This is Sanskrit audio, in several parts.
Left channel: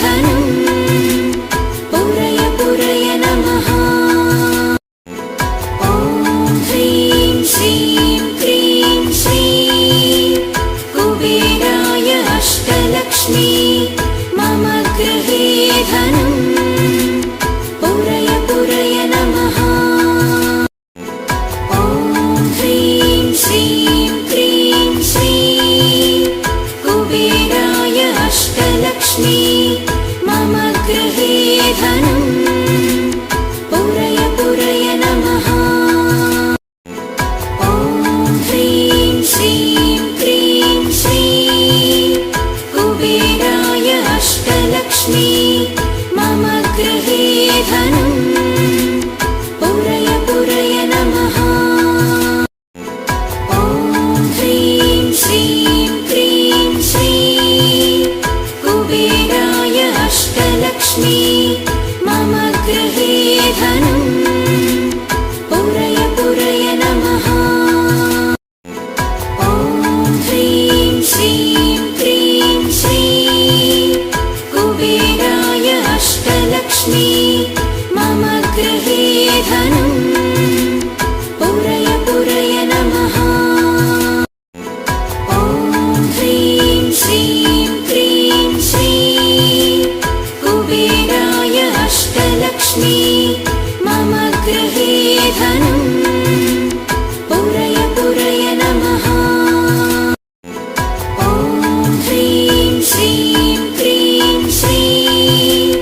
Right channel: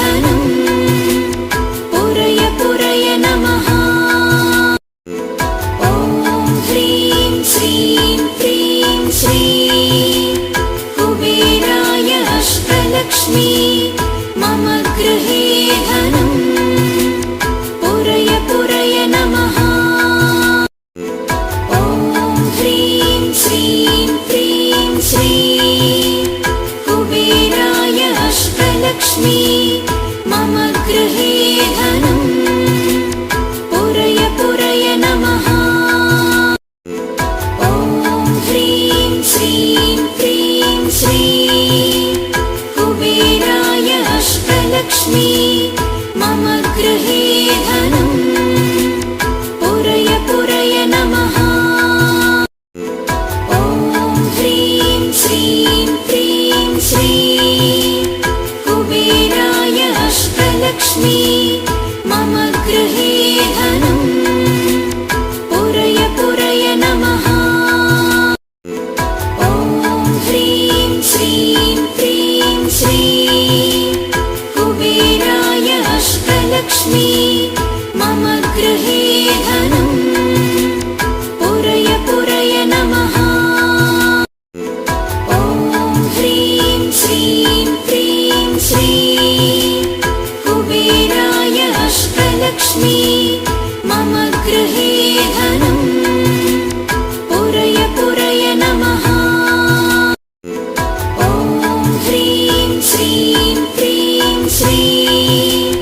धनम् पुरय पुरय नमः। ॐ ह्रीं श्रीं क्रीं श्रीं कुबेराय अष्टलक्ष्मी मम गृहे धनम् पुरय पुरय नमः। ॐ ह्रीं श्रीं क्रीं श्रीं कुबेराय अष्टलक्ष्मी मम गृहे धनम् पुरय पुरय नमः। ॐ ह्रीं श्रीं क्रीं श्रीं कुबेराय अष्टलक्ष्मी मम गृहे धनम् पुरय पुरय नमः। ॐ ह्रीं श्रीं क्रीं श्रीं कुबेराय अष्टलक्ष्मी मम गृहे धनम् पुरय पुरय नमः। ॐ ह्रीं श्रीं क्रीं श्रीं कुबेराय अष्टलक्ष्मी मम गृहे धनम् पुरय पुरय नमः। ॐ ह्रीं श्रीं क्रीं श्रीं कुबेराय अष्टलक्ष्मी मम गृहे धनम् पुरय पुरय नमः। ॐ ह्रीं श्रीं क्रीं श्रीं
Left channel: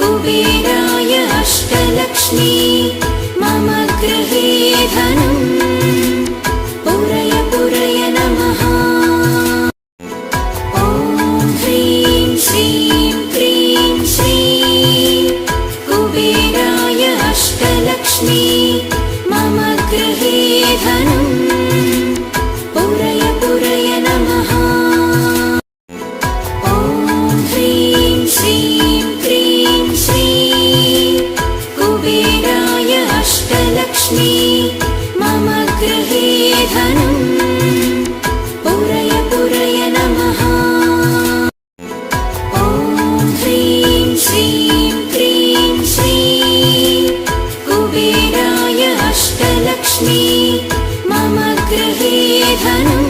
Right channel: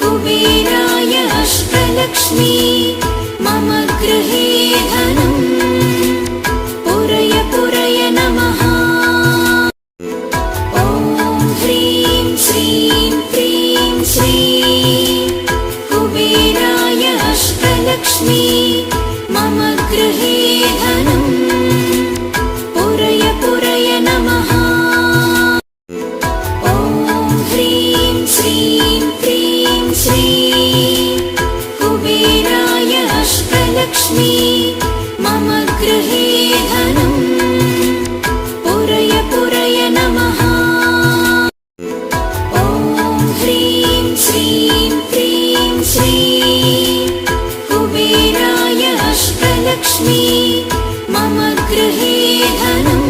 कुबेराय अष्टलक्ष्मी मम गृहे धनम् पुरय पुरय नमः। ॐ ह्रीं श्रीं क्रीं श्रीं कुबेराय अष्टलक्ष्मी मम गृहे धनम् पुरय पुरय नमः। ॐ ह्रीं श्रीं क्रीं श्रीं कुबेराय अष्टलक्ष्मी मम गृहे धनम् पुरय पुरय नमः। ॐ ह्रीं श्रीं क्रीं श्रीं कुबेराय अष्टलक्ष्मी मम गृहे धनम्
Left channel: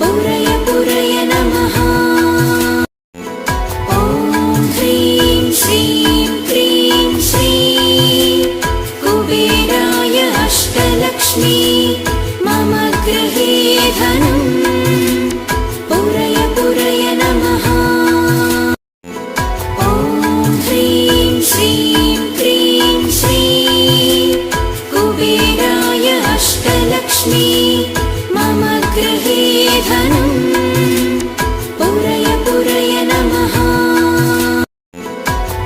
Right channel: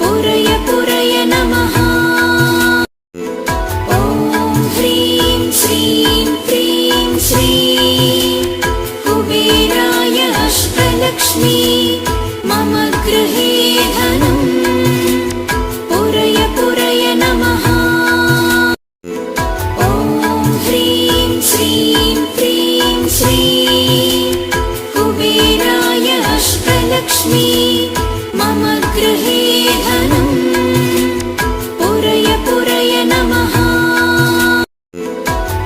पुरय पुरय नमः। ॐ ह्रीं श्रीं क्रीं श्रीं कुबेराय अष्टलक्ष्मी मम गृहे धनम् पुरय पुरय नमः। ॐ ह्रीं श्रीं क्रीं श्रीं कुबेराय अष्टलक्ष्मी मम गृहे धनम् पुरय पुरय नमः।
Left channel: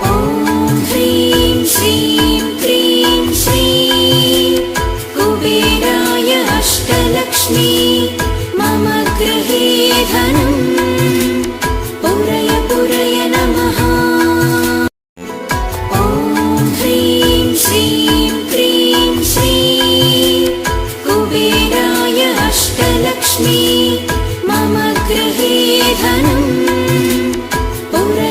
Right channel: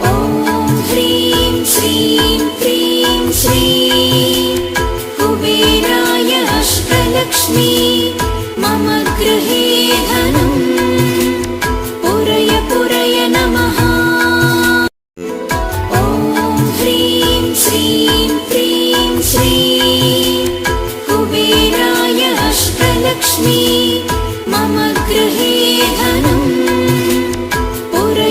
ॐ ह्रीं श्रीं क्रीं श्रीं कुबेराय अष्टलक्ष्मी मम गृहे धनम् पुरय पुरय नमः। ॐ ह्रीं श्रीं क्रीं श्रीं कुबेराय अष्टलक्ष्मी मम गृहे धनम् पुरय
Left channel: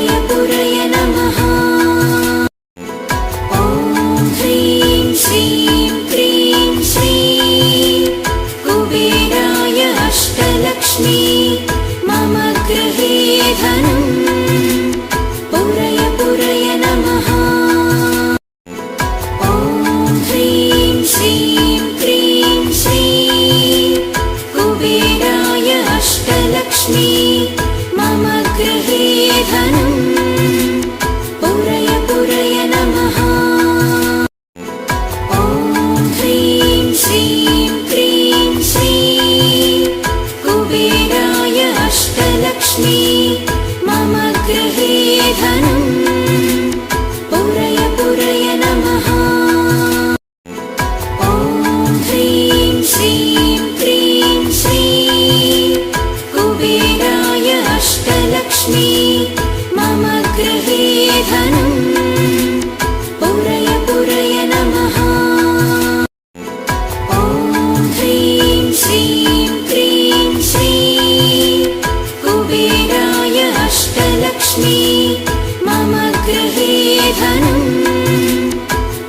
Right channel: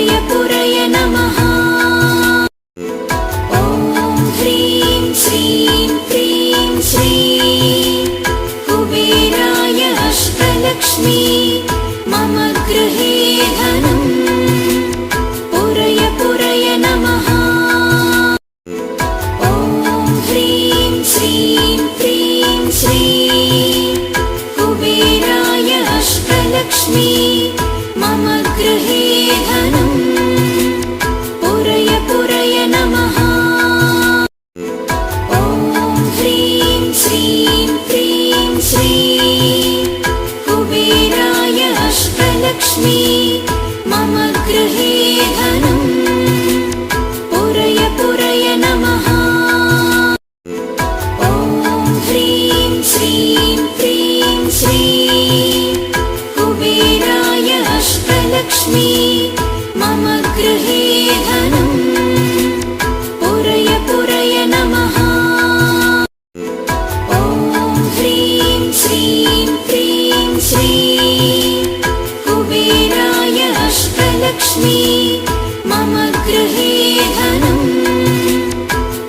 अष्टलक्ष्मी मम गृहे धनम्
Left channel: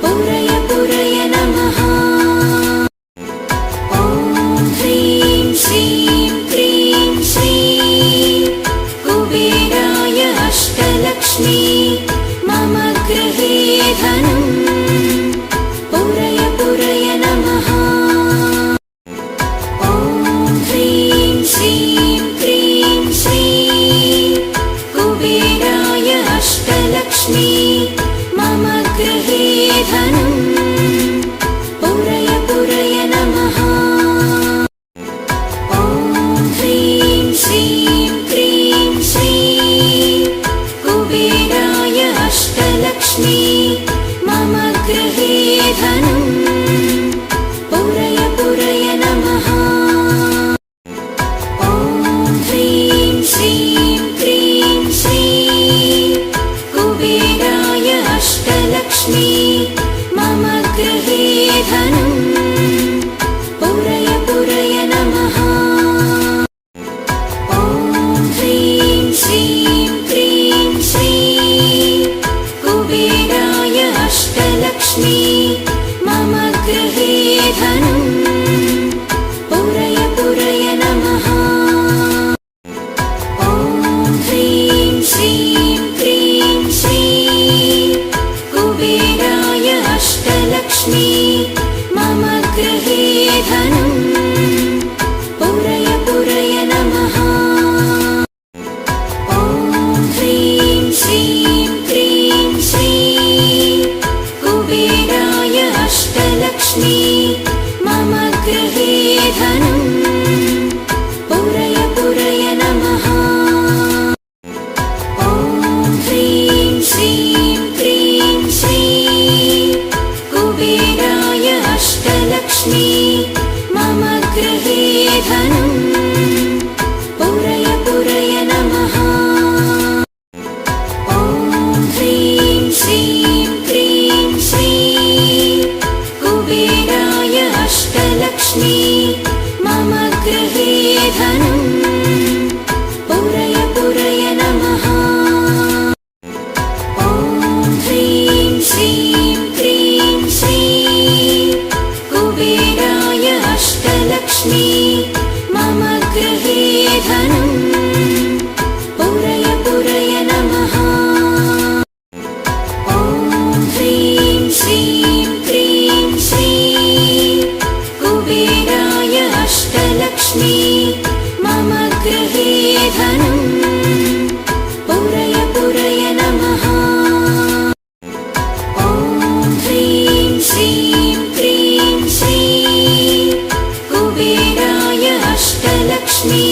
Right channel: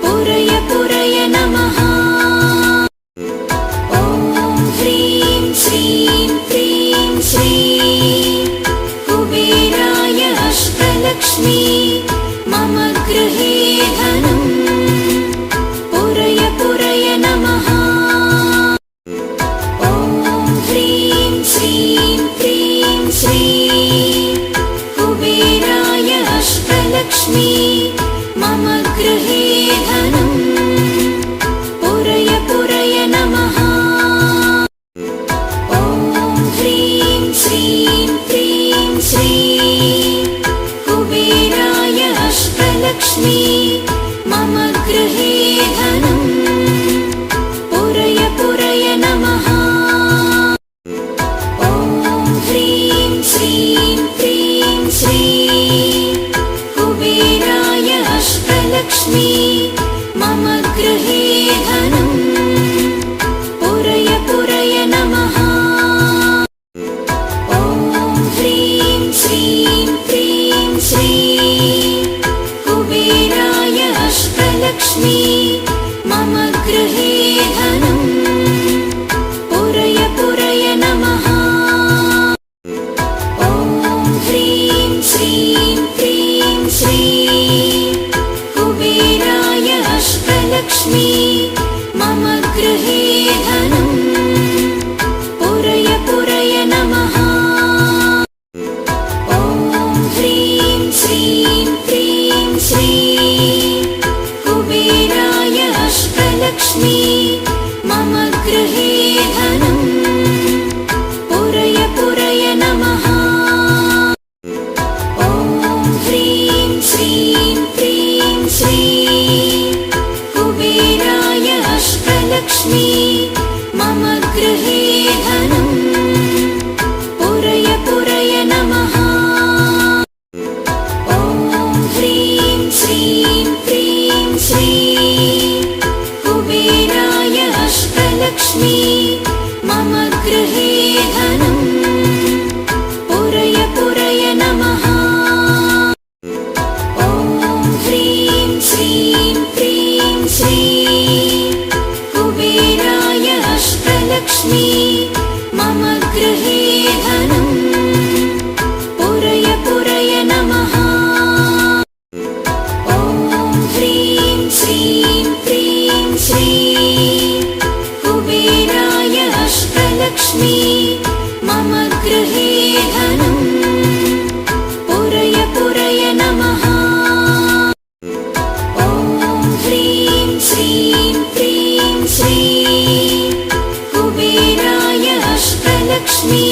पुरय पुरय नमः। ॐ ह्रीं श्रीं क्लीं श्रीं कुबेराय अष्टलक्ष्मी मम गृहे धनम् पुरय पुरय नमः। ॐ ह्रीं श्रीं क्लीं श्रीं कुबेराय अष्टलक्ष्मी मम गृहे धनम् पुरय पुरय नमः। ॐ ह्रीं श्रीं क्लीं श्रीं कुबेराय अष्टलक्ष्मी मम गृहे धनम् पुरय पुरय नमः। ॐ ह्रीं श्रीं क्लीं श्रीं कुबेराय अष्टलक्ष्मी मम गृहे धनम् पुरय पुरय नमः। ॐ ह्रीं श्रीं क्लीं श्रीं कुबेराय अष्टलक्ष्मी मम गृहे धनम् पुरय पुरय नमः। ॐ ह्रीं श्रीं क्लीं श्रीं कुबेराय अष्टलक्ष्मी मम गृहे धनम् पुरय पुरय नमः। ॐ ह्रीं श्रीं क्लीं श्रीं कुबेराय अष्टलक्ष्मी मम गृहे धनम् पुरय पुरय नमः। ॐ ह्रीं श्रीं क्लीं श्रीं कुबेराय अष्टलक्ष्मी मम गृहे धनम् पुरय पुरय नमः। ॐ ह्रीं श्रीं क्लीं श्रीं कुबेराय अष्टलक्ष्मी मम गृहे धनम् पुरय पुरय नमः। ॐ ह्रीं श्रीं क्लीं श्रीं कुबेराय अष्टलक्ष्मी मम गृहे धनम् पुरय पुरय नमः। ॐ ह्रीं श्रीं क्लीं श्रीं कुबेराय अष्टलक्ष्मी मम गृहे धनम् पुरय पुरय नमः। ॐ ह्रीं श्रीं क्लीं श्रीं कुबेराय अष्टलक्ष्मी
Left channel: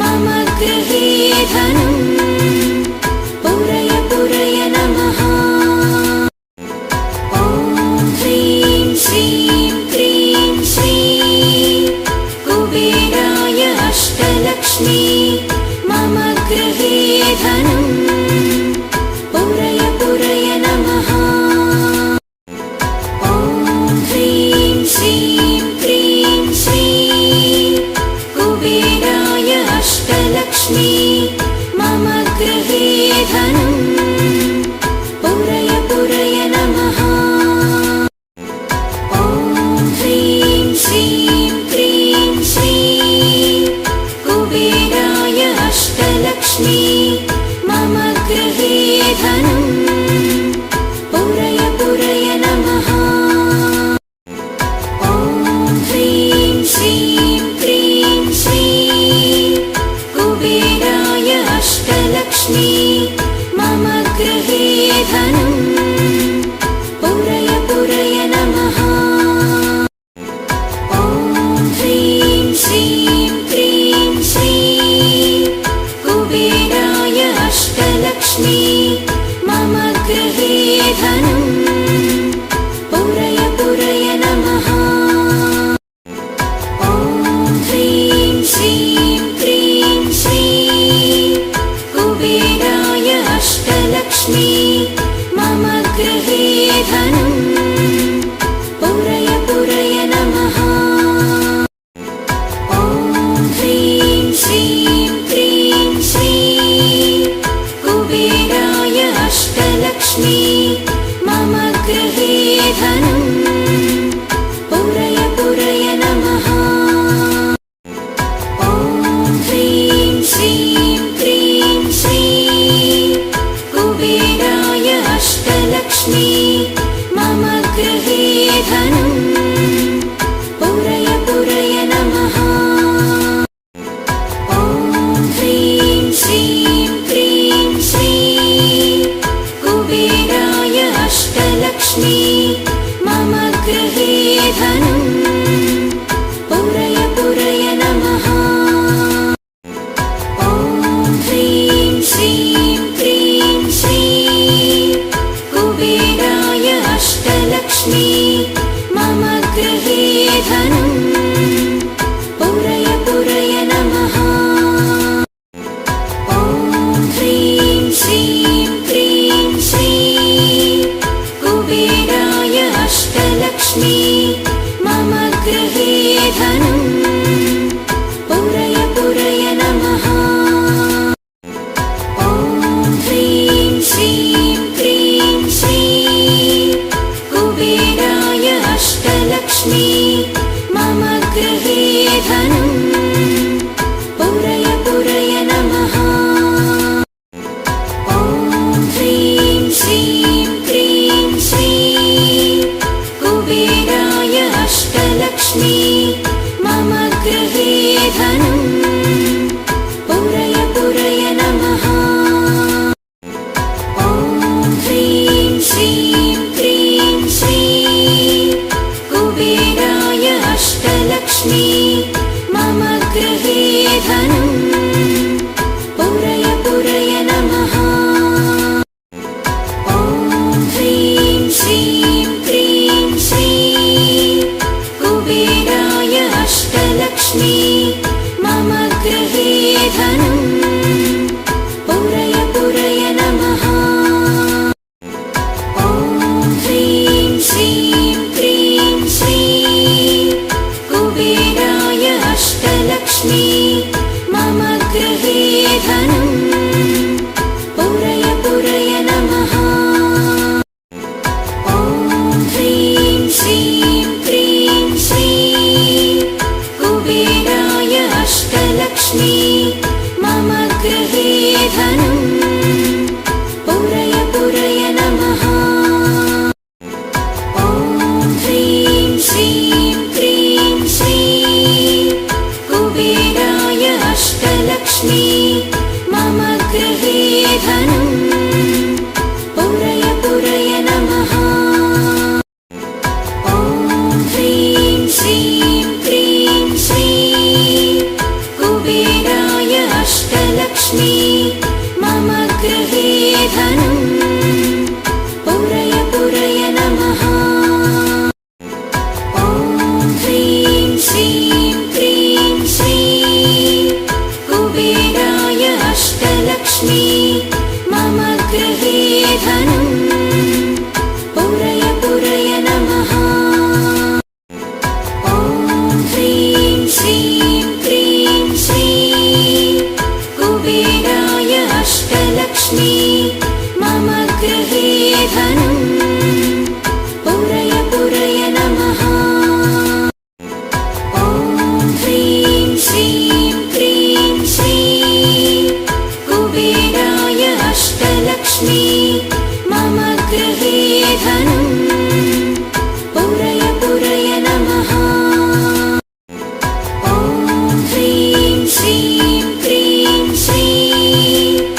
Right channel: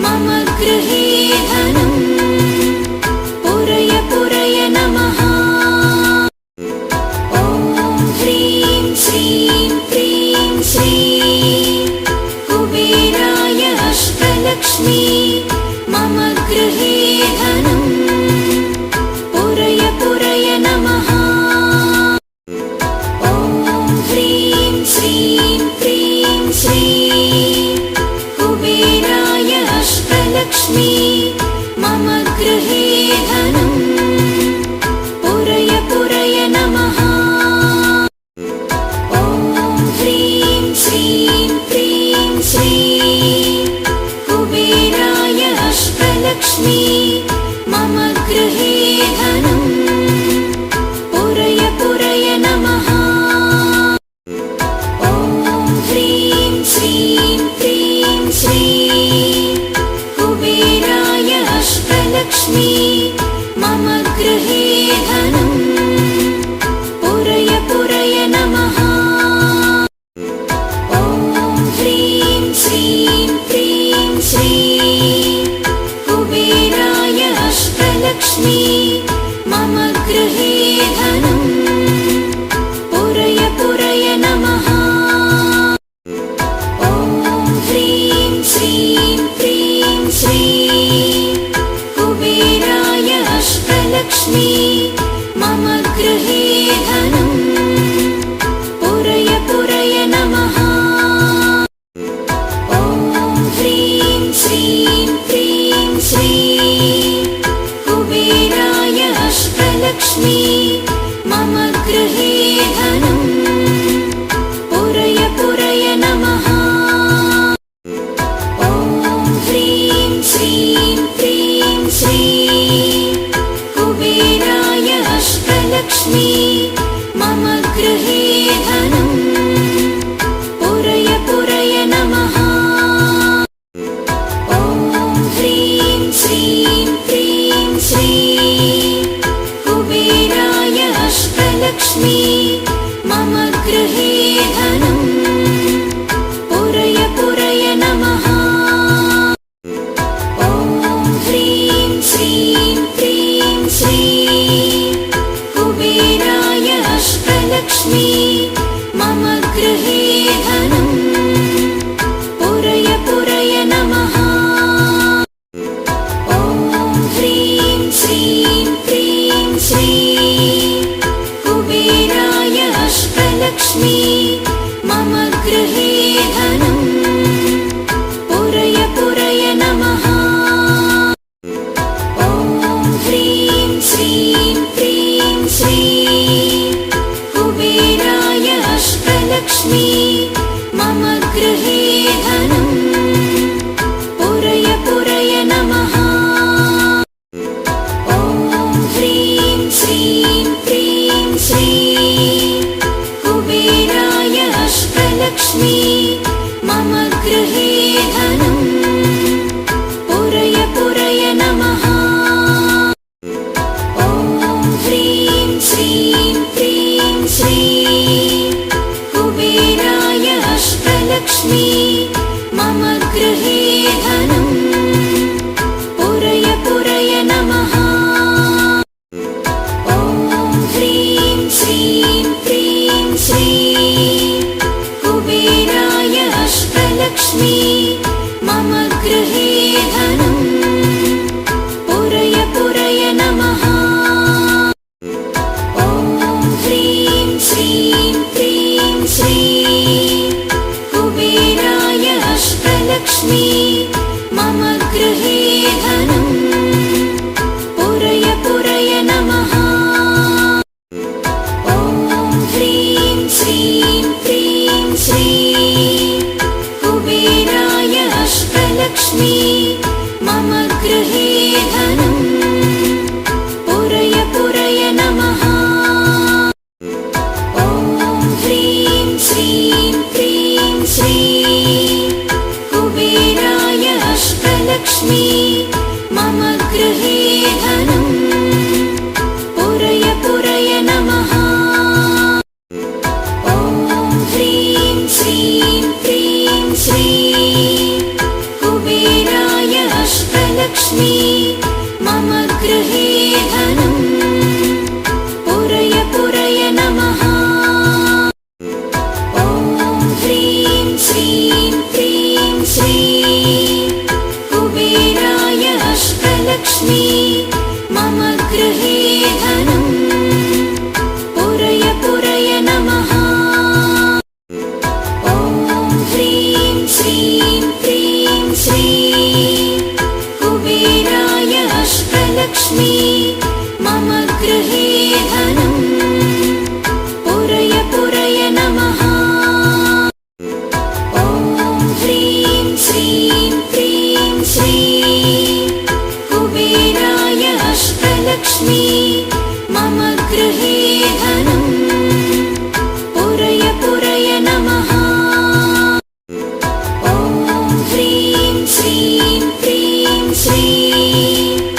मम गृहे धनम् पुरय पुरय नमः। ॐ ह्रीं श्रीं क्लीं श्रीं कुबेराय अष्टलक्ष्मी मम गृहे धनम् पुरय पुरय नमः। ॐ ह्रीं श्रीं क्लीं श्रीं कुबेराय अष्टलक्ष्मी मम गृहे धनम् पुरय पुरय नमः। ॐ ह्रीं श्रीं क्लीं श्रीं कुबेराय अष्टलक्ष्मी मम गृहे धनम् पुरय पुरय नमः। ॐ ह्रीं श्रीं क्लीं श्रीं कुबेराय अष्टलक्ष्मी मम गृहे धनम् पुरय पुरय नमः। ॐ ह्रीं श्रीं क्लीं श्रीं कुबेराय अष्टलक्ष्मी मम गृहे धनम् पुरय पुरय नमः। ॐ ह्रीं श्रीं क्लीं श्रीं कुबेराय अष्टलक्ष्मी मम गृहे धनम् पुरय पुरय नमः। ॐ ह्रीं श्रीं क्लीं श्रीं अष्टलक्ष्मी मम गृहे धनम् पुरय पुरय नमः। ॐ ह्रीं श्रीं क्रीं श्रीं कुबेराय अष्टलक्ष्मी मम गृहे धनम् पुरय पुरय नमः। ॐ ह्रीं श्रीं क्रीं श्रीं कुबेराय अष्टलक्ष्मी मम गृहे धनम् पुरय पुरय नमः। ॐ ह्रीं श्रीं क्रीं श्रीं कुबेराय अष्टलक्ष्मी मम गृहे धनम् पुरय पुरय नमः। ॐ ह्रीं श्रीं क्रीं श्रीं कुबेराय अष्टलक्ष्मी मम गृहे धनम् पुरय पुरय नमः। ॐ ह्रीं श्रीं क्रीं श्रीं कुबेराय अष्टलक्ष्मी मम गृहे धनम् पुरय पुरय नमः। ॐ ह्रीं श्रीं क्रीं श्रीं कुबेराय अष्टलक्ष्मी मम गृहे धनम् पुरय पुरय नमः। ॐ ह्रीं श्रीं क्रीं श्रीं कुबेराय अष्टलक्ष्मी मम गृहे धनम् पुरय पुरय नमः। ॐ ह्रीं श्रीं क्रीं श्रीं कुबेराय अष्टलक्ष्मी मम गृहे धनम् पुरय पुरय नमः। ॐ ह्रीं श्रीं क्रीं श्रीं कुबेराय अष्टलक्ष्मी मम गृहे धनम् पुरय पुरय नमः। ॐ ह्रीं श्रीं क्रीं श्रीं कुबेराय अष्टलक्ष्मी मम गृहे धनम् पुरय पुरय नमः। ॐ ह्रीं श्रीं क्रीं श्रीं कुबेराय अष्टलक्ष्मी मम गृहे धनम् पुरय पुरय नमः। ॐ ह्रीं श्रीं क्रीं श्रीं कुबेराय अष्टलक्ष्मी मम गृहे धनम् पुरय पुरय नमः। ॐ ह्रीं श्रीं क्रीं श्रीं कुबेराय अष्टलक्ष्मी मम गृहे धनम् पुरय पुरय नमः। ॐ ह्रीं श्रीं क्रीं श्रीं कुबेराय अष्टलक्ष्मी मम गृहे धनम् पुरय पुरय नमः। ॐ ह्रीं श्रीं क्रीं श्रीं कुबेराय अष्टलक्ष्मी मम गृहे धनम् पुरय पुरय नमः। ॐ ह्रीं श्रीं क्रीं श्रीं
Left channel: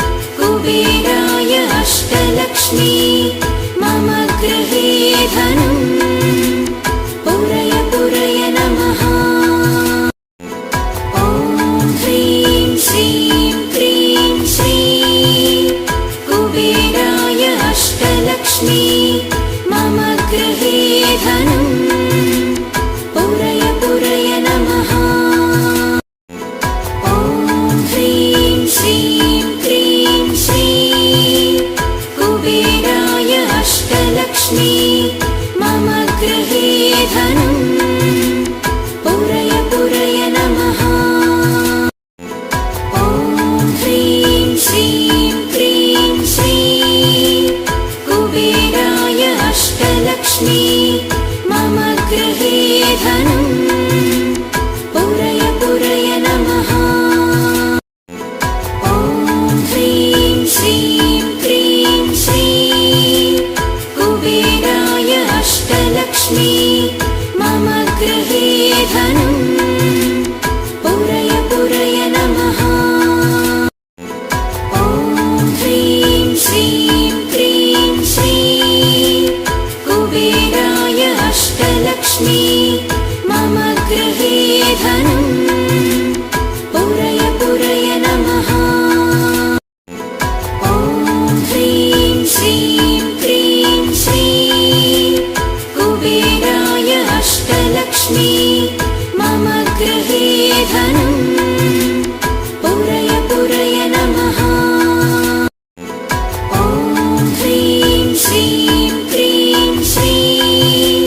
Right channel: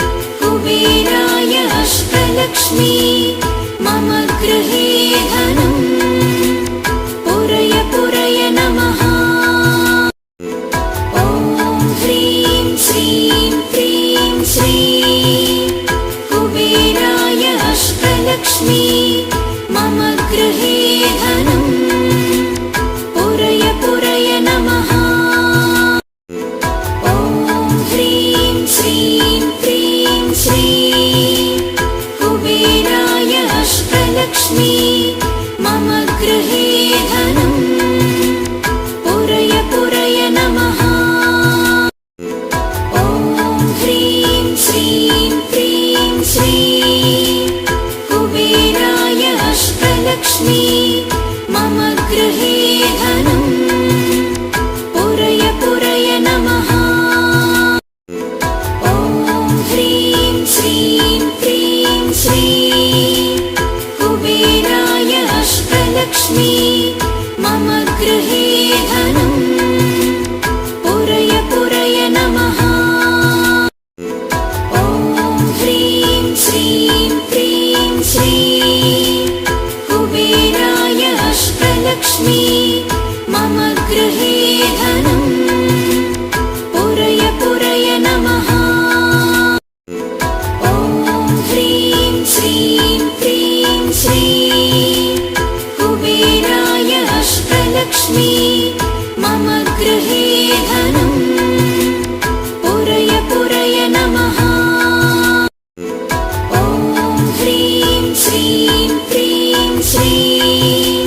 कुबेराय अष्टलक्ष्मी मम गृहे धनम् पुरय पुरय नमः। ॐ ह्रीं श्रीं क्रीं श्रीं कुबेराय अष्टलक्ष्मी मम गृहे धनम् पुरय पुरय नमः। ॐ ह्रीं श्रीं क्रीं श्रीं कुबेराय अष्टलक्ष्मी मम गृहे धनम् पुरय पुरय नमः। ॐ ह्रीं श्रीं क्रीं श्रीं ह्रीं श्रीं क्रीं श्रीं कुबेराय अष्टलक्ष्मी मम गृहे धनम् पुरय पुरय नमः। ॐ ह्रीं श्रीं क्रीं श्रीं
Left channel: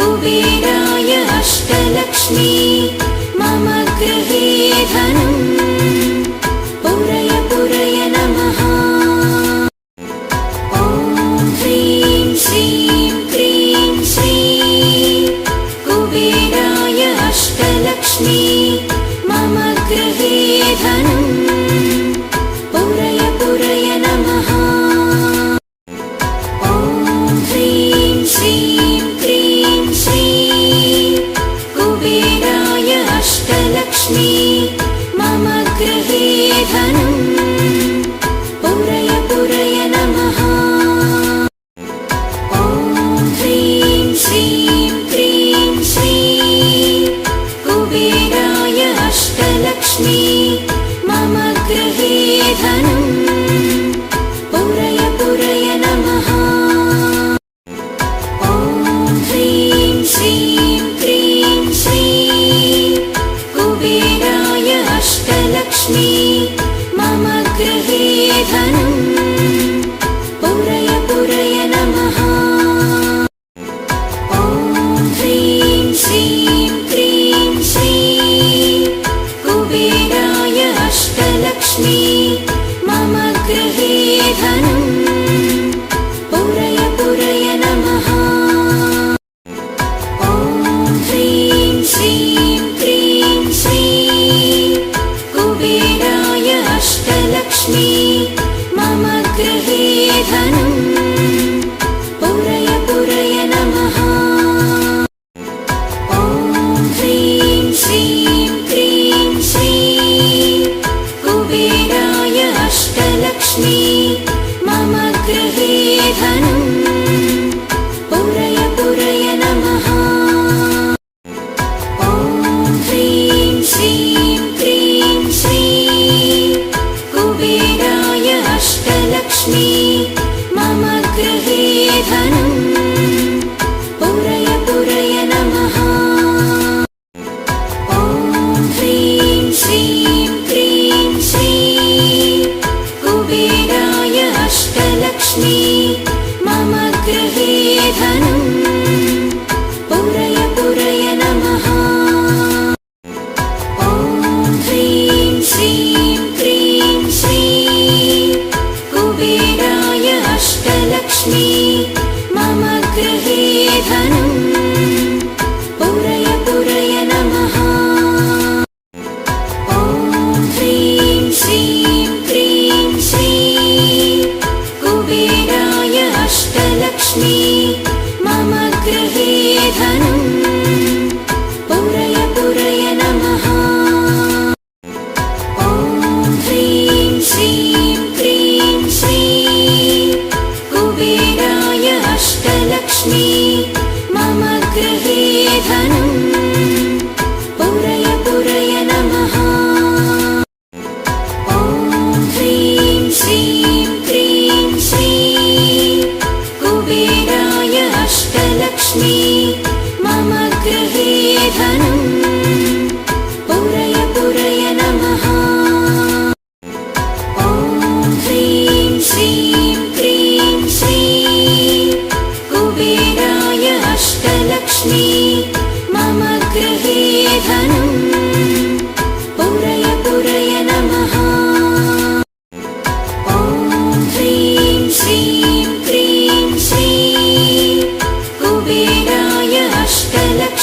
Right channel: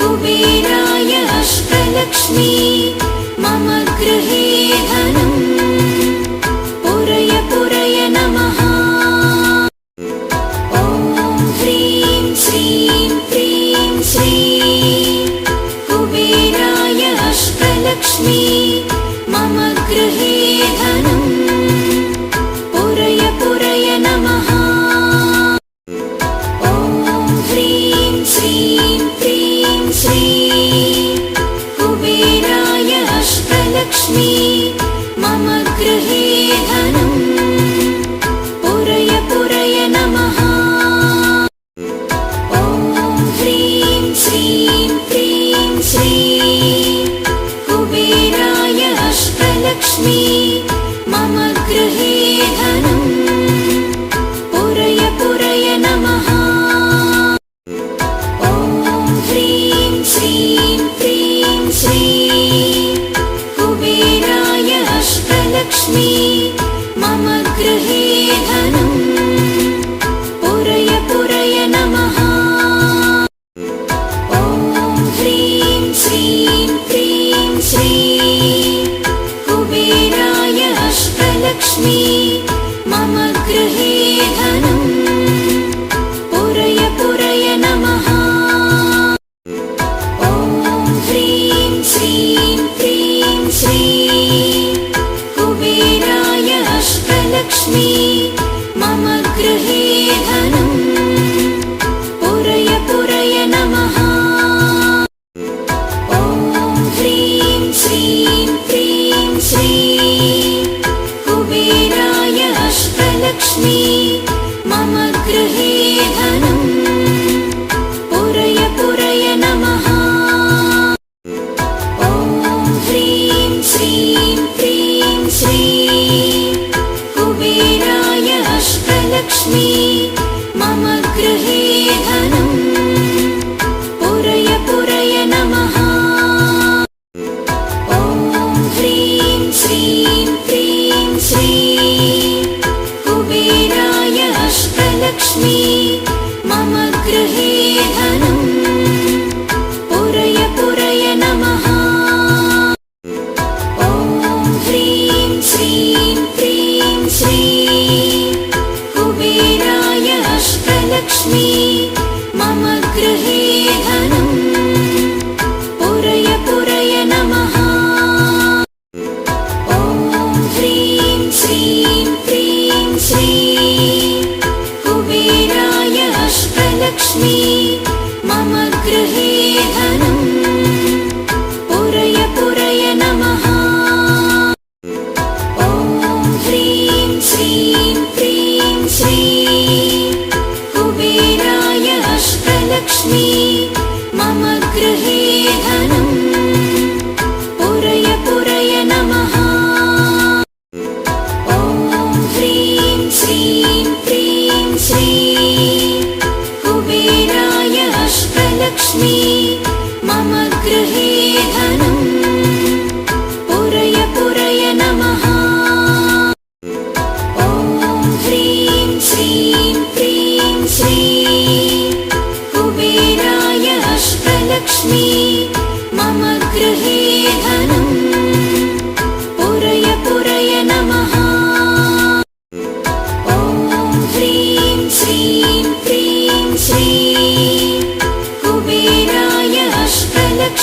कुबेराय अष्टलक्ष्मी मम गृहे धनम् पुरय पुरय नमः। ॐ ह्रीं श्रीं क्रीं श्रीं कुबेराय अष्टलक्ष्मी मम गृहे धनम् पुरय पुरय नमः। ॐ ह्रीं श्रीं क्रीं श्रीं कुबेराय अष्टलक्ष्मी मम गृहे धनम् पुरय पुरय नमः। ॐ ह्रीं श्रीं क्रीं श्रीं कुबेराय अष्टलक्ष्मी मम गृहे धनम् पुरय पुरय नमः। ॐ ह्रीं श्रीं क्रीं श्रीं कुबेराय अष्टलक्ष्मी मम गृहे धनम् पुरय पुरय नमः। ॐ ह्रीं श्रीं क्रीं श्रीं कुबेराय अष्टलक्ष्मी मम गृहे धनम् पुरय पुरय नमः। ॐ ह्रीं श्रीं क्रीं श्रीं कुबेराय अष्टलक्ष्मी मम गृहे धनम् पुरय पुरय नमः। ॐ ह्रीं श्रीं क्रीं श्रीं कुबेराय अष्टलक्ष्मी मम गृहे धनम् पुरय पुरय नमः। ॐ ह्रीं श्रीं क्रीं श्रीं कुबेराय अष्टलक्ष्मी मम गृहे धनम् पुरय पुरय नमः। ॐ ह्रीं श्रीं क्रीं श्रीं कुबेराय अष्टलक्ष्मी मम गृहे धनम् पुरय पुरय नमः। ॐ ह्रीं श्रीं क्रीं श्रीं कुबेराय अष्टलक्ष्मी मम गृहे धनम् पुरय पुरय नमः। ॐ ह्रीं श्रीं क्रीं श्रीं कुबेराय अष्टलक्ष्मी मम गृहे धनम् पुरय पुरय नमः। ॐ ह्रीं श्रीं क्रीं श्रीं कुबेराय अष्टलक्ष्मी मम गृहे धनम् पुरय पुरय नमः। ॐ ह्रीं श्रीं क्रीं श्रीं कुबेराय अष्टलक्ष्मी मम गृहे धनम् पुरय पुरय नमः। ॐ ह्रीं श्रीं क्रीं श्रीं कुबेराय अष्टलक्ष्मी मम गृहे धनम् पुरय पुरय नमः। ॐ ह्रीं श्रीं क्रीं श्रीं कुबेराय अष्टलक्ष्मी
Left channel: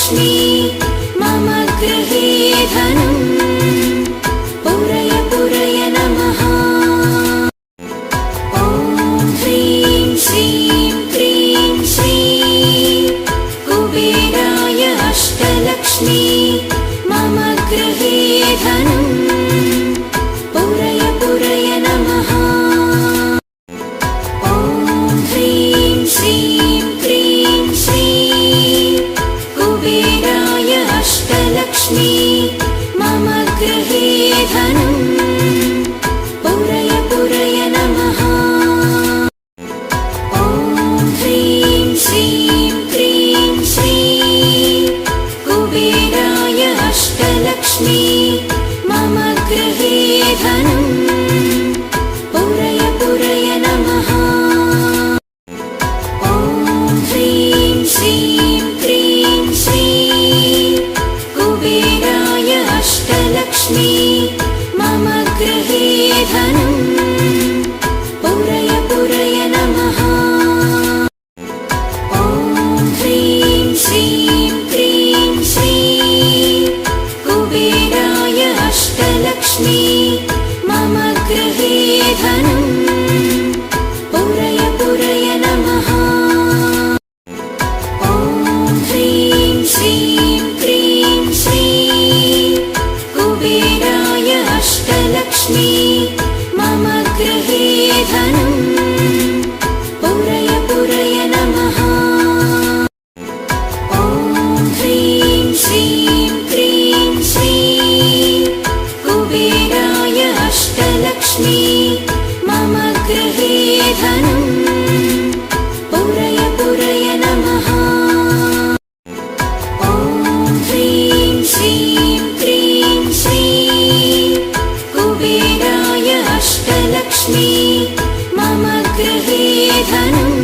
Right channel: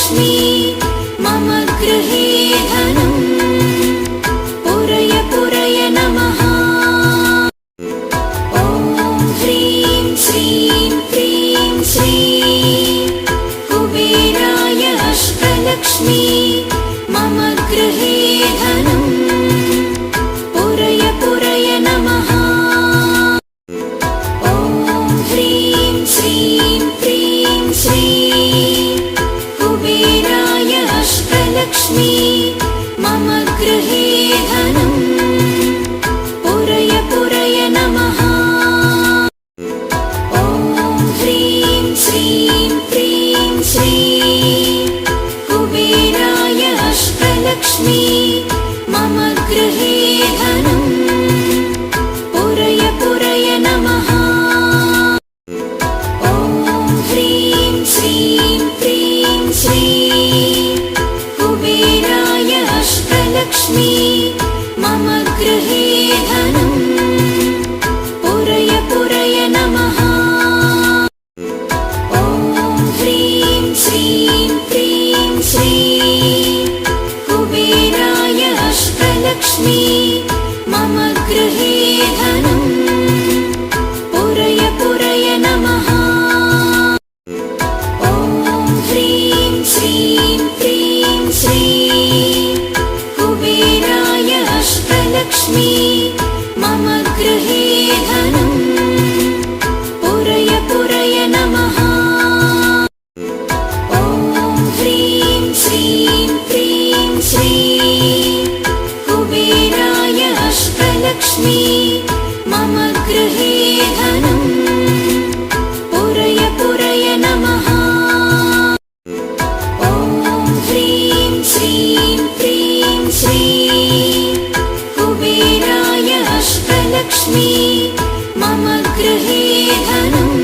गृहे धनम्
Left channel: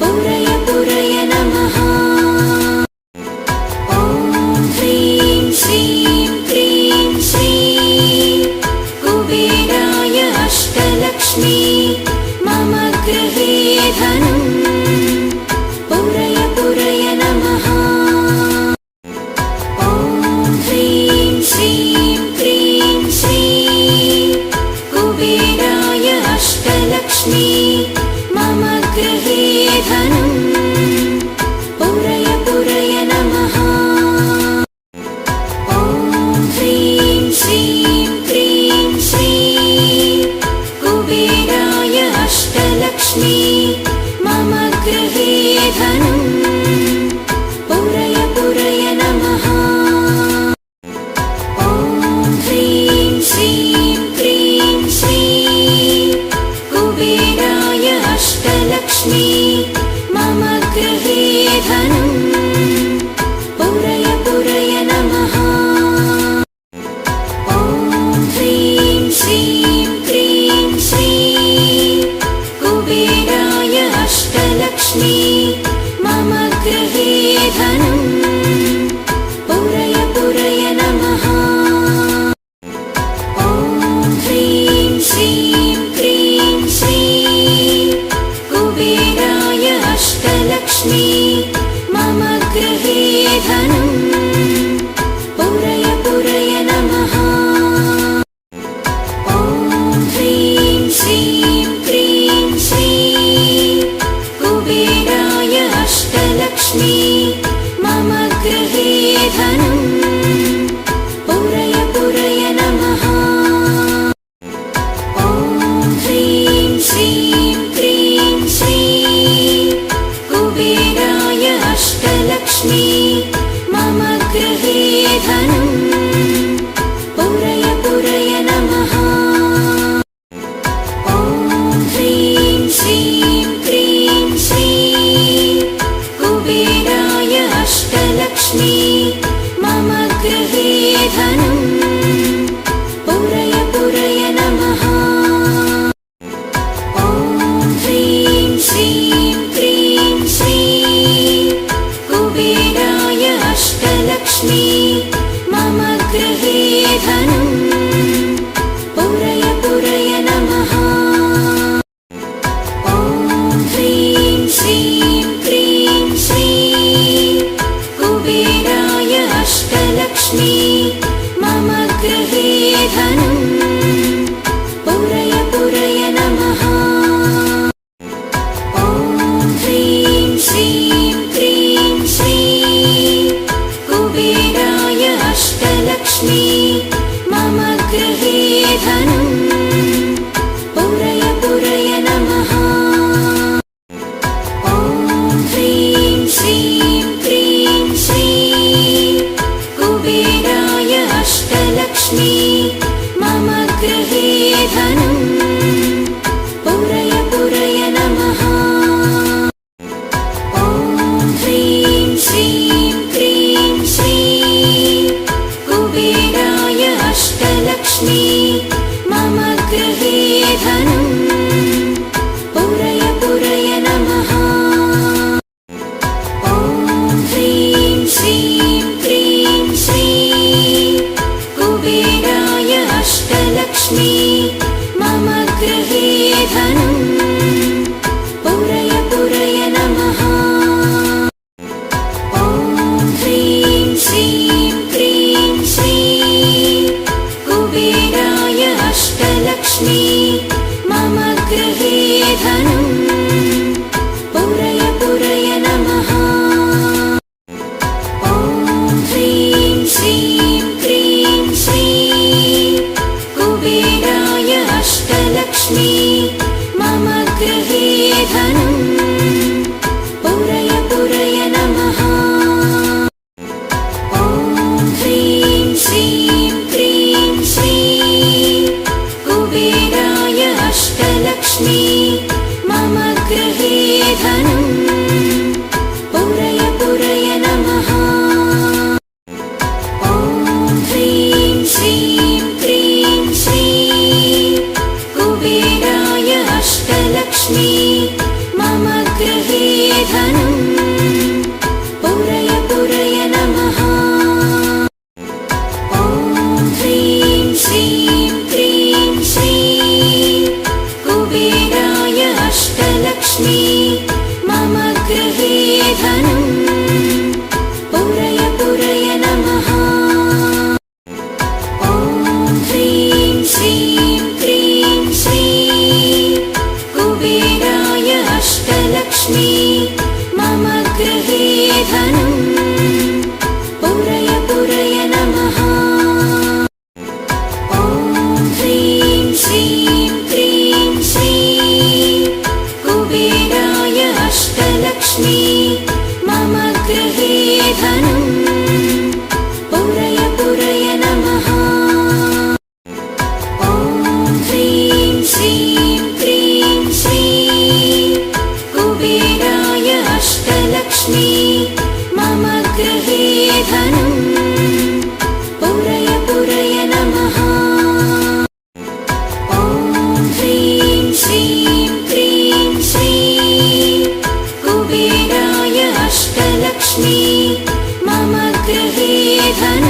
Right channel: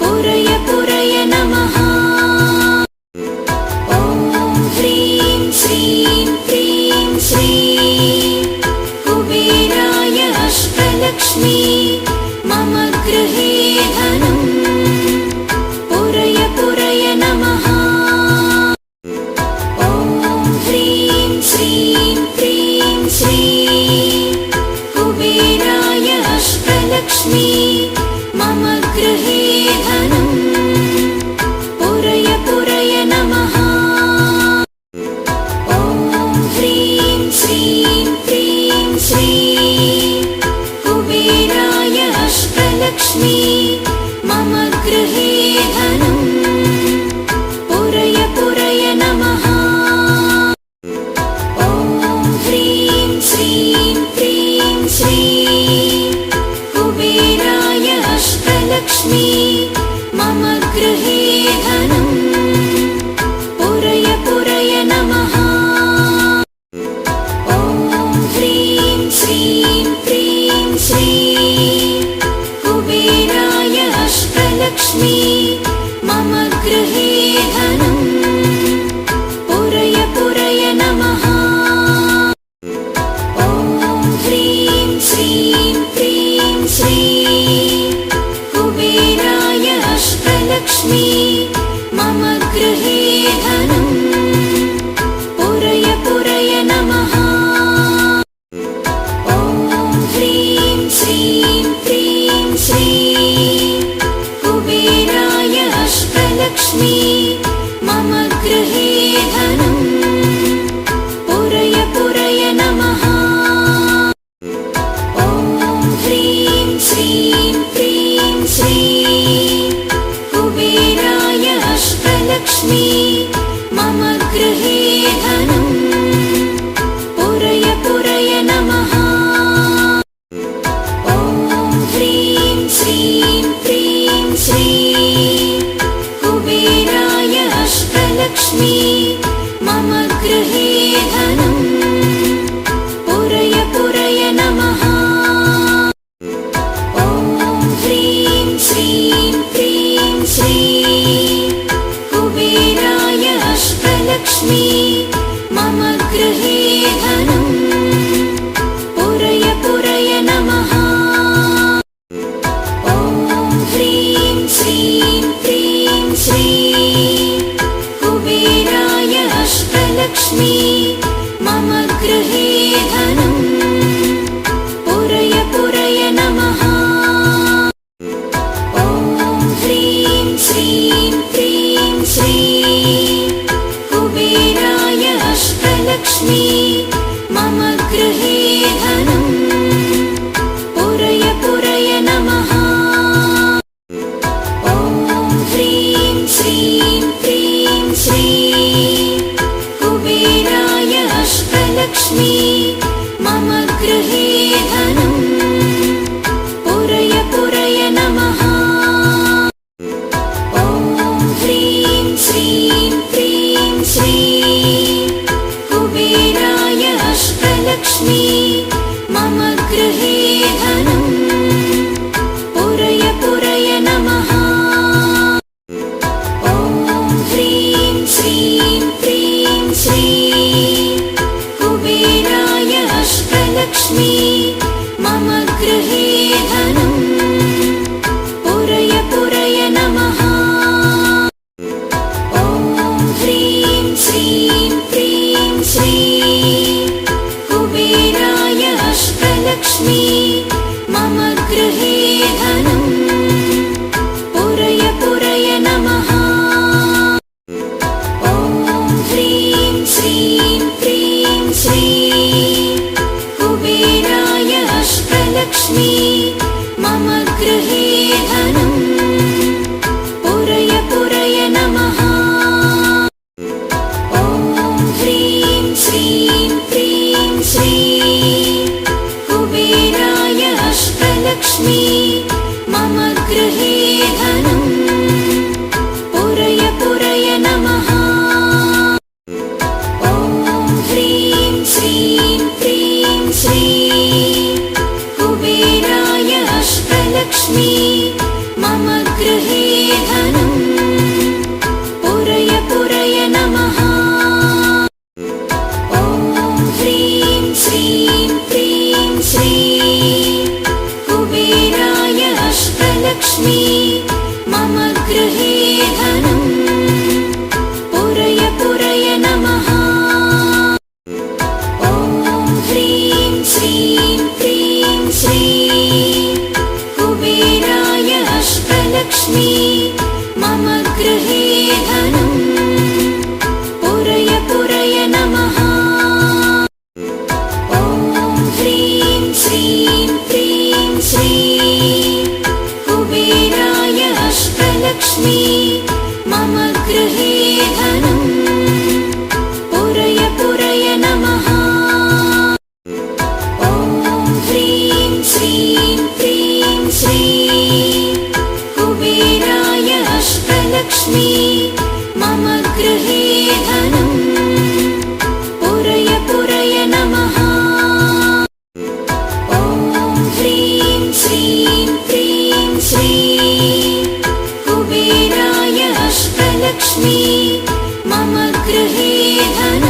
पुरय पुरय नमः ॐ ह्रीं श्रीं क्लीं श्रीं कुबेराय अष्टलक्ष्मी मम गृहे धनम् पुरय पुरय नमः ॐ ह्रीं श्रीं क्लीं श्रीं कुबेराय अष्टलक्ष्मी मम गृहे धनम् पुरय पुरय नमः ॐ ह्रीं श्रीं क्लीं श्रीं कुबेराय अष्टलक्ष्मी मम गृहे धनम् पुरय पुरय नमः ॐ ह्रीं श्रीं क्लीं श्रीं कुबेराय अष्टलक्ष्मी मम गृहे धनम् पुरय पुरय नमः ॐ ह्रीं श्रीं क्लीं श्रीं कुबेराय अष्टलक्ष्मी मम गृहे धनम् पुरय पुरय नमः ॐ ह्रीं श्रीं क्लीं श्रीं कुबेराय अष्टलक्ष्मी मम गृहे धनम् पुरय पुरय नमः ॐ ह्रीं श्रीं क्लीं श्रीं कुबेराय अष्टलक्ष्मी मम गृहे धनम् पुरय पुरय नमः ॐ ह्रीं श्रीं क्लीं श्रीं कुबेराय अष्टलक्ष्मी मम गृहे धनम् पुरय पुरय नमः ॐ ह्रीं श्रीं क्रीं श्रीं कुबेराय अष्टलक्ष्मी मम गृहे धनम् पुरय पुरय नमः ॐ ह्रीं श्रीं क्रीं श्रीं कुबेराय अष्टलक्ष्मी मम गृहे धनम् पुरय पुरय नमः ॐ ह्रीं श्रीं क्रीं श्रीं कुबेराय अष्टलक्ष्मी मम गृहे धनम् पुरय पुरय नमः ॐ ह्रीं श्रीं क्रीं श्रीं कुबेराय अष्टलक्ष्मी मम गृहे धनम् पुरय पुरय नमः ॐ ह्रीं श्रीं क्रीं श्रीं कुबेराय अष्टलक्ष्मी मम गृहे धनम्